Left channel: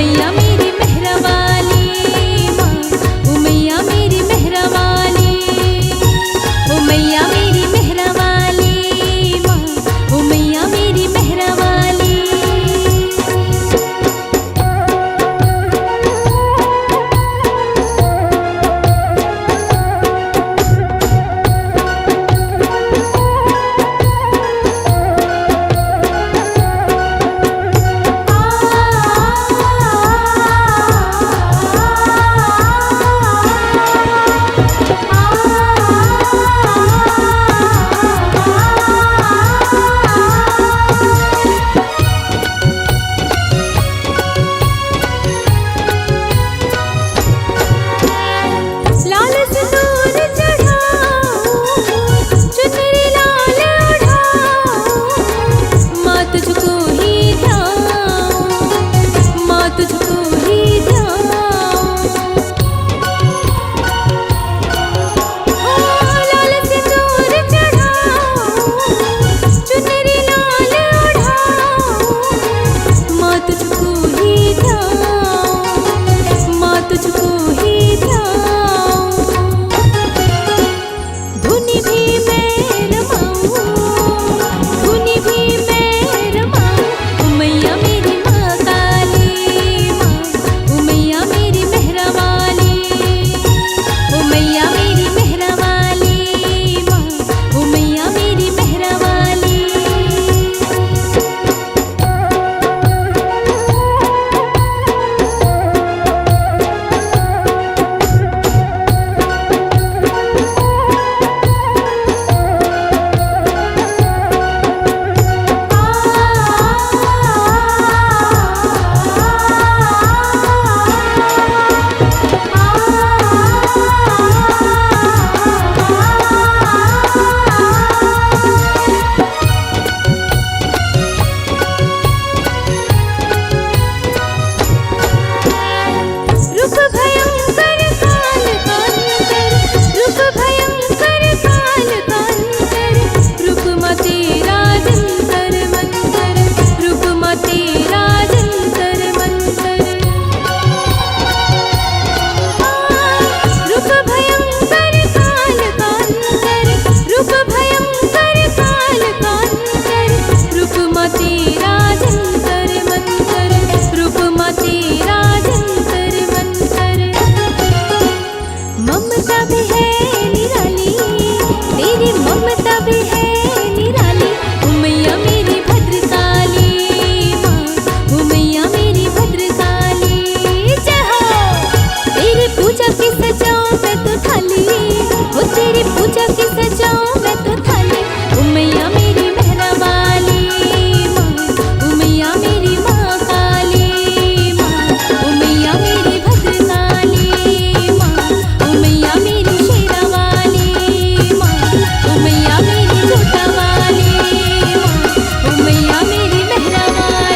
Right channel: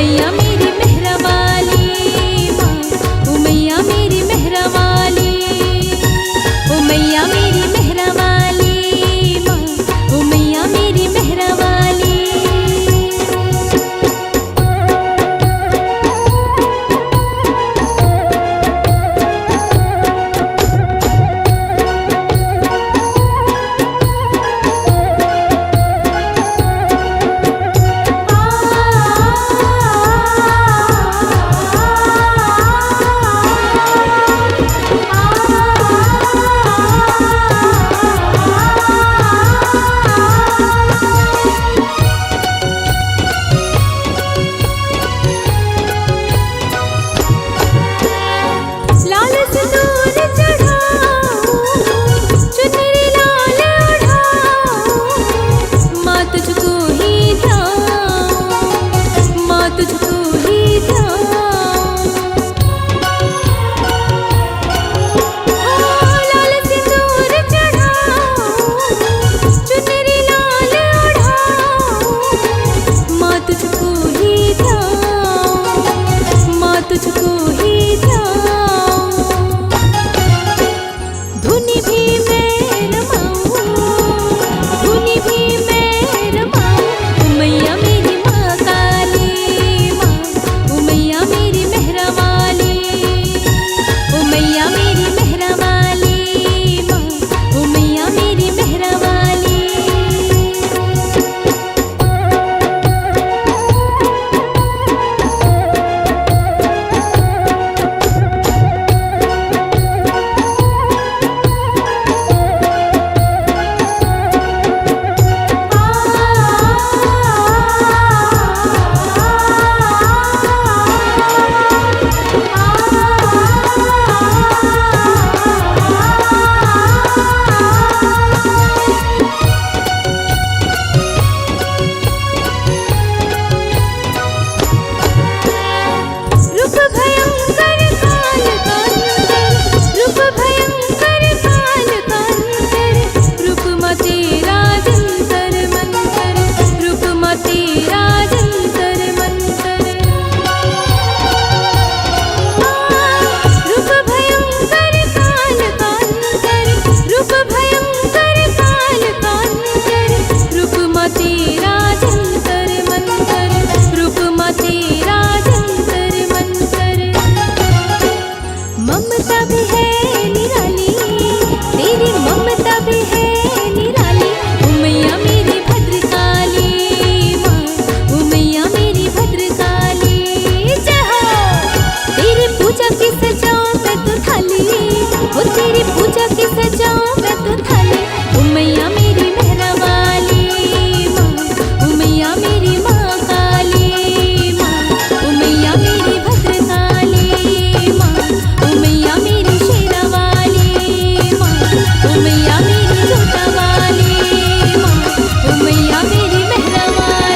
उमैया मेरी मेहरा वाली माँ, उमैया मेरी मेहरा वाली, उमैया मेरी मेहरा वाली माँ, उमैया मेरी मेहरा वाली। लाल सिंदूर चढ़ाऊं, चुनरी लाल ओढ़ाऊं, माँ तुझको ही ध्याऊं, माँ तुझको ही ध्याऊं। लाल सिंदूर चढ़ाऊं, चुनरी लाल ओढ़ाऊं, माँ तुझको ही ध्याऊं, माँ तुझको ही ध्याऊं। धुनी भी मैं रमाऊं, धुनी भी मैं रमाऊं, उमैया मेरी माँ काली माँ, उमैया मेरी मेहरा वाली, उमैया मेरी मेहरा वाली माँ, उमैया मेरी मेहरा वाली। रूप भयंकर काल कांतर, रूप भयंकर काल कांतर, रूप माँ तेरा जंतर मंतर, रूप माँ तेरा जंतर मंतर। रूप भयंकर काल कांतर, रूप भयंकर काल कांतर, रूप माँ तेरा जंतर मंतर, रूप माँ तेरा जंतर मंतर। ममता भी है निराली, तेरी ममता भी है निराली, उमैया मेरी भद्रकाली माँ, उमैया मेरी भद्रकाली। जय हो। तेरी पूजा की सजाऊं मैं तो थाली, हो तेरी पूजा की सजाऊं मैं तो थाली, उमैया मेरी मेहरा वाली माँ, उमैया मेरी माँ काली माँ, उमैया मेरी भद्रकाली माँ, उमैया मेरी शेरा वाली माँ, उमैया मेरी जोटा वाली माँ, उमैया मेरी मेहरा वाली।